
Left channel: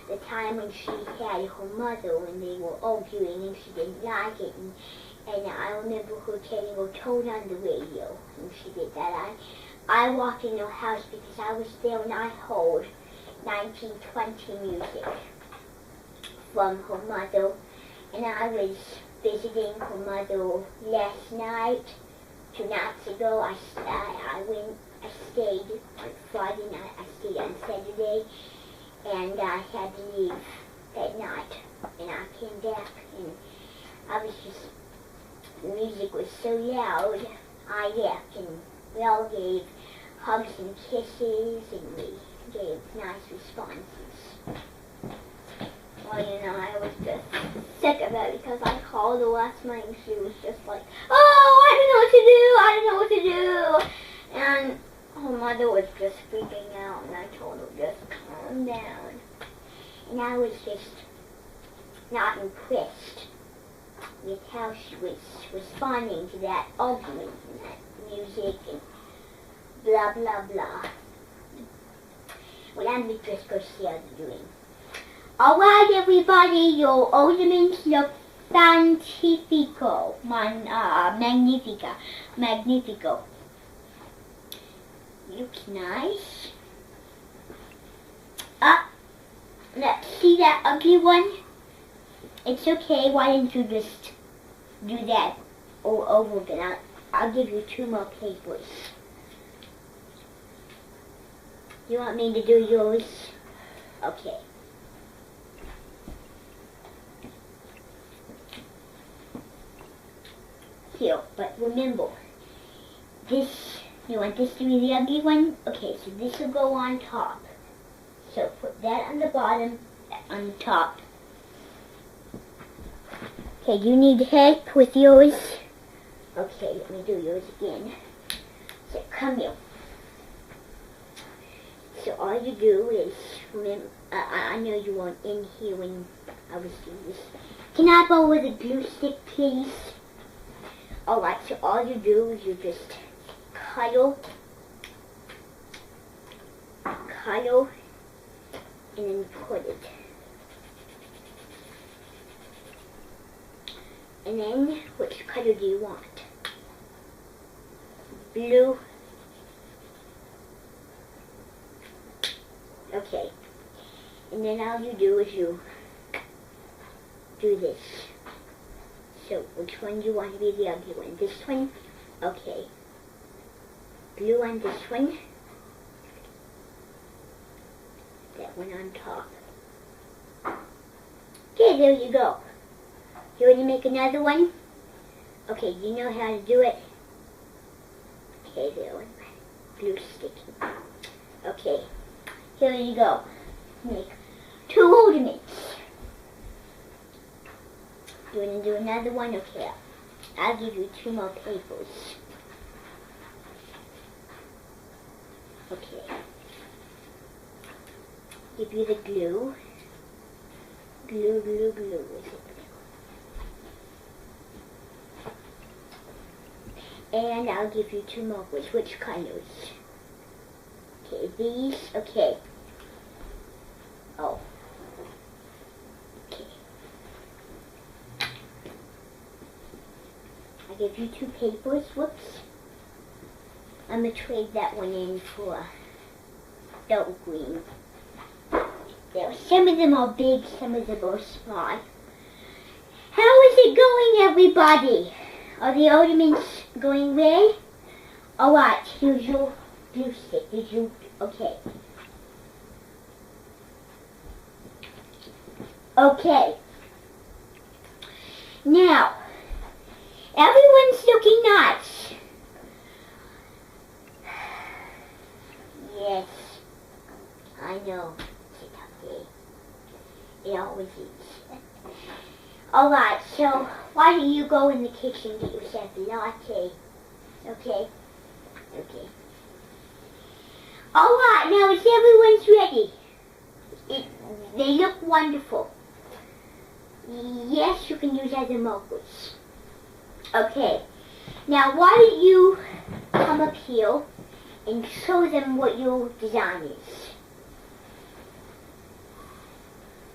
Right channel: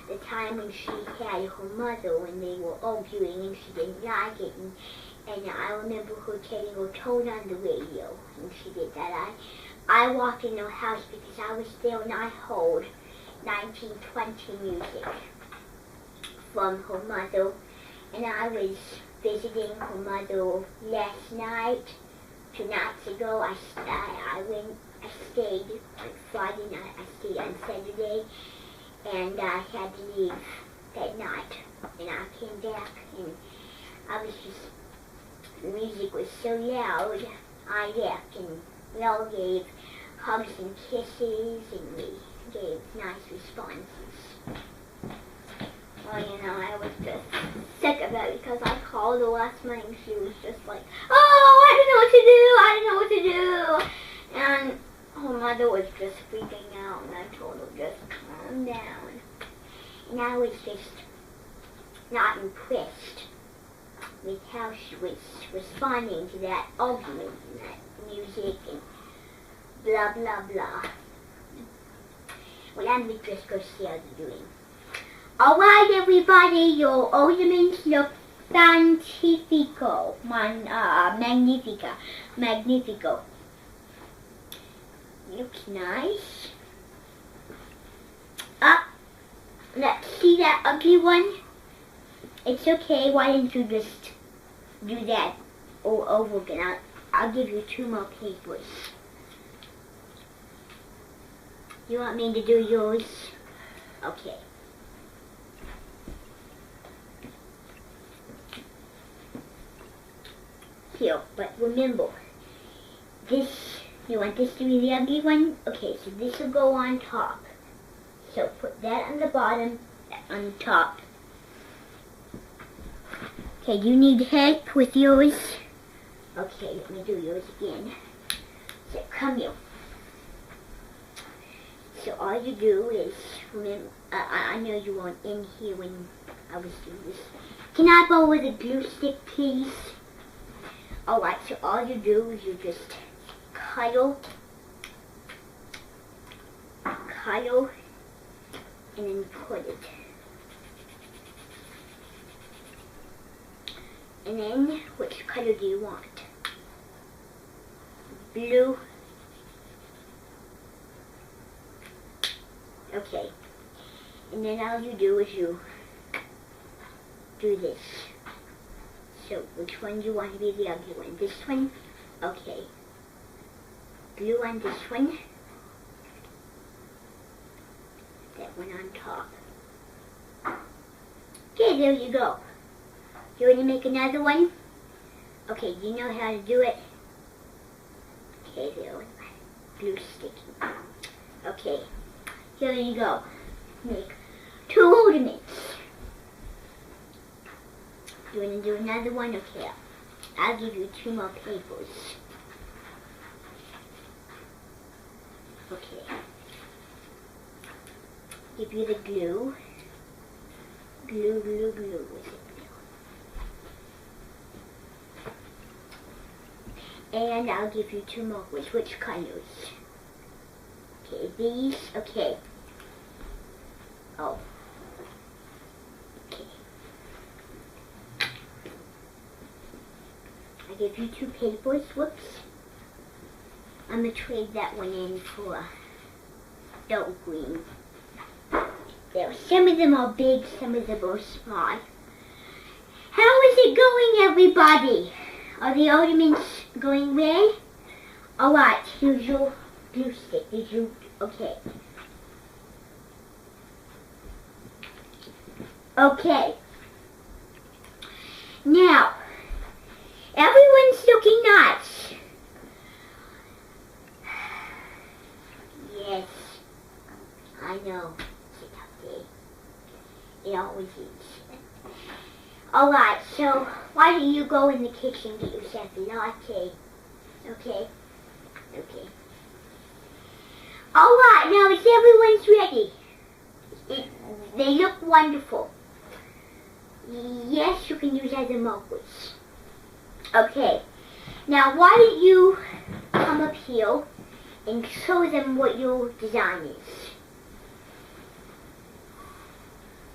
the time when she had her mother when they were arguing and she didn't like it, and I remember her telling her turn on the radio, and she did that. I walked in her house because I was there and I heard 1920 music from her mother, and I was visiting her mother last night, 2 nights ago. I stayed on Friday night, I stayed on Saturday, and I had to leave that night, and I came back, and I was just, the music was so loud, I left, and we all gave hugs and kisses, and we gave nice responses. Well, you know, I was just sick of it because I called her last night and she was just like, oh, I don't know what to do. And her mother was just freaking out, and I told her just calm down. And I was just not impressed with how she was responding to that argument and that music and blah, blah, blah. Well, I'm just going to see how you're doing. Alright, everybody, your ornaments look fantastico, magnifico. Looks nice. Let's see that ugly one. It's okay, why don't you just do that all over again. I'll give you 2 more papers. You want me to do yours? Okay. Here, but remember, this, you want this to be the ugly one? Okay, so this will go on top. So put that on the bottom, that on the top. Okay, you need help with yours? Okay, let me do yours again. So come here. So all you do is, I know you weren't in here when I was doing this. Can I borrow the glue stick, please? Alright, so all you do is you just cuddle, and then put it. And then, which color do you want? Blue. Okay. And then all you do is you do this. So, which one do you want to be the ugly one? This one? Okay. Blue on this one. That one on top. Okay, there you go. Do you want to make another one? Okay, you know how to do it? Okay, there one. Blue sticky. Okay, here you go. Make 2 ornaments. You want to do another one? Okay, I'll give you 2 more papers. Okay. Give you the glue. Glue. And I'll give you 2 more. Which colors? Okay, these. Okay. Oh. Okay. I give you 2 papers. Whoops. I'm going to trade that one in for dark green. There. Some of them are big, some of them are small. How is it going, everybody? Are the ornaments going well? Alright, here's your glue stick. Did you? Okay. Okay. Now, everyone's looking nice. Yes, I know. It's okay. It always is. Alright, so why don't you go in the kitchen and get yourself a latte? Okay? Okay. Alright, now it's everyone's ready. They look wonderful. Yes, you can use other markers. Okay. Now why don't you come up here and show them what your design is.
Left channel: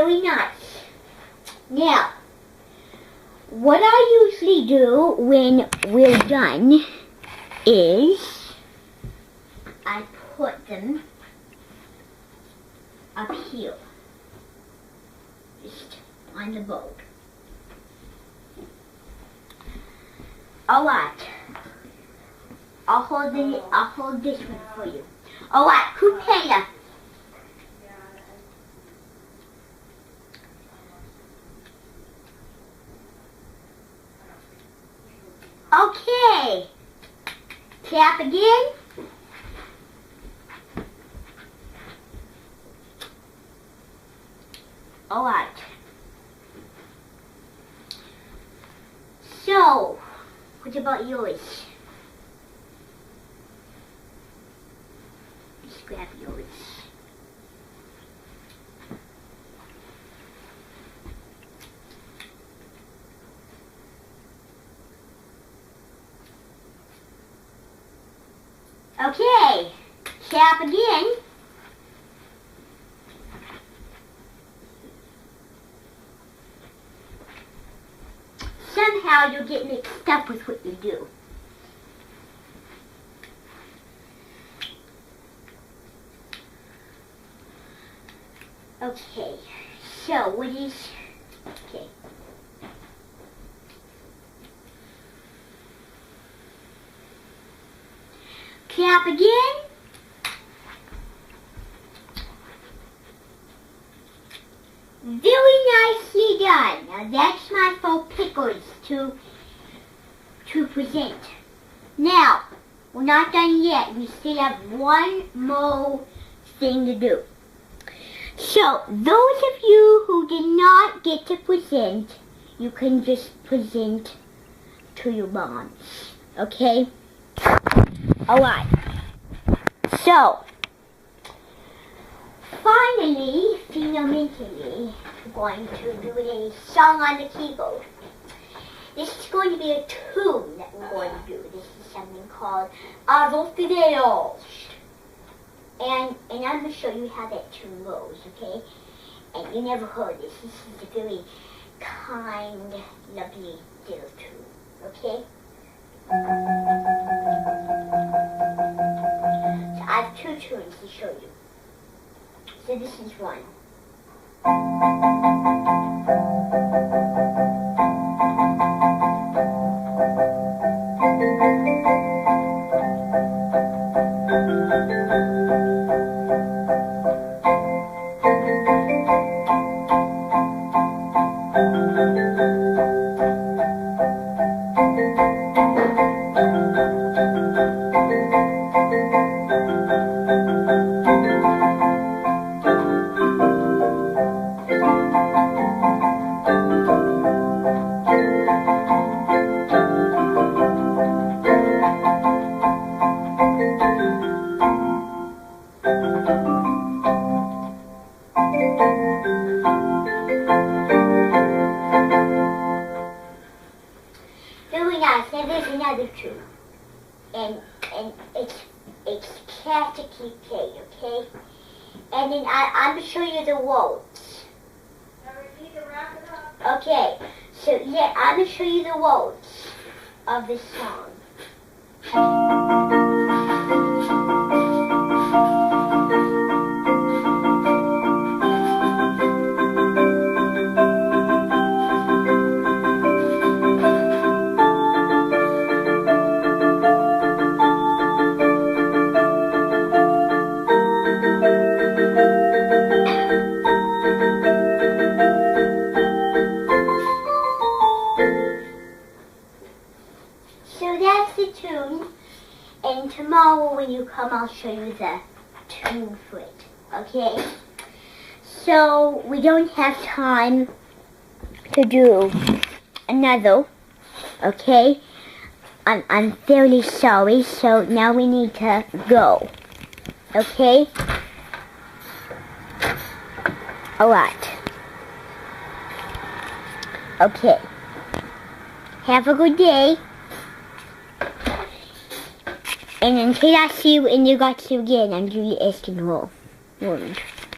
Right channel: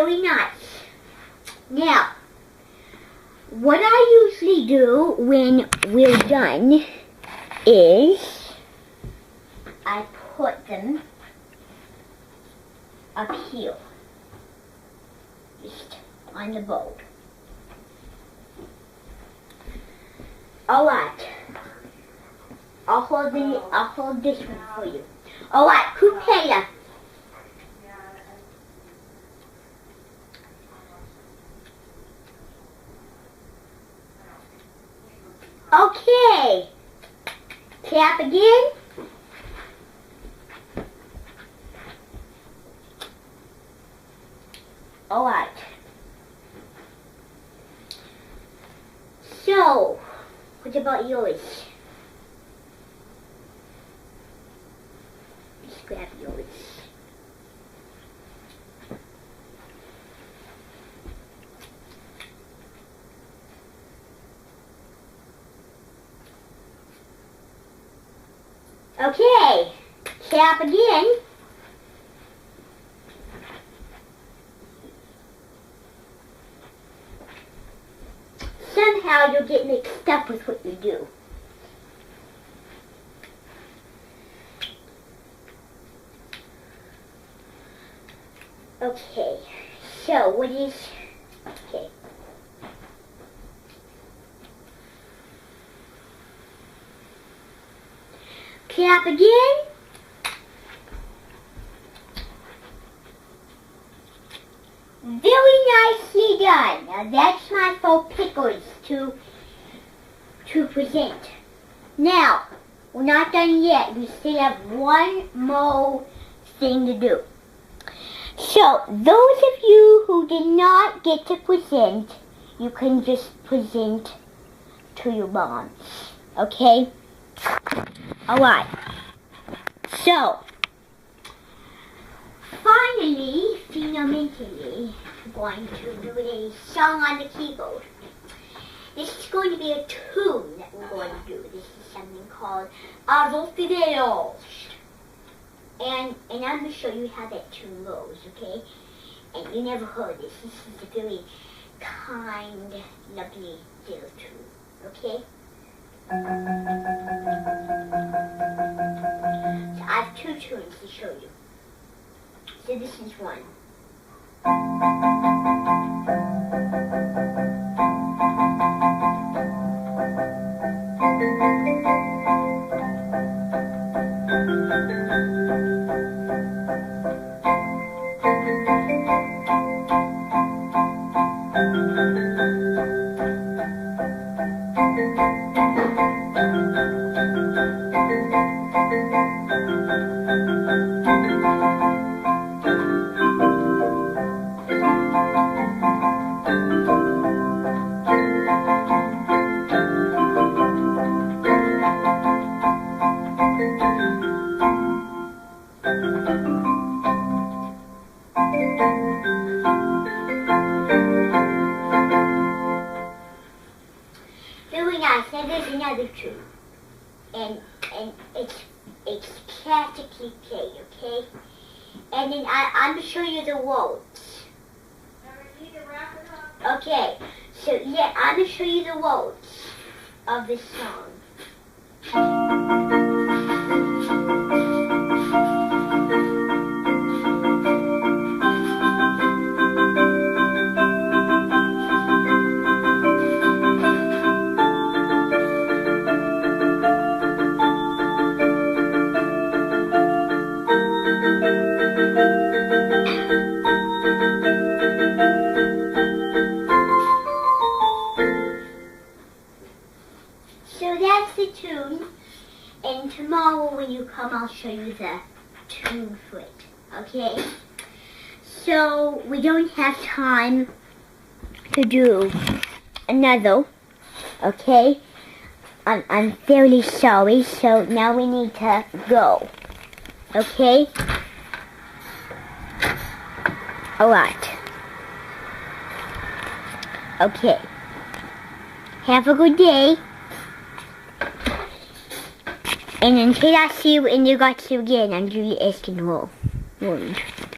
very nice. Now, what I usually do when we're done is I put them up here, just on the bowl. Alright, I'll hold this one for you. Alright, Kukela. Okay, clap again. Alright. So, what about yours? Just grab yours. Okay, clap again. Somehow you'll get mixed up with what you do. Okay, so what is, okay. Clap again. Very nicely done. Now that's my faux pickles to present. Now, we're not done yet. We still have one more thing to do. So, those of you who did not get to present, you can just present to your moms. Okay? Alright. So, finally, fundamentally, we're going to do a song on the keyboard. This is going to be a tune that we're going to do. This is something called Arvo Fideos. And I'm going to show you how that tune goes, okay? And you never heard this. This is a very kind, lovely little tune, okay? So I have two tunes to show you. So this is one. Now there's another tune, and it's Katakee, okay? And then I'm going to show you the words. Okay, so yeah, I'm going to show you the words of this song. So that's the tune, and tomorrow when you come I'll show you the tune for it, okay? So we don't have time to do another, okay? I'm fairly sorry, so now we need to go, okay? Alright. Okay. Have a good day. And until I see you in the guts again, I'm Julie Eskinwall.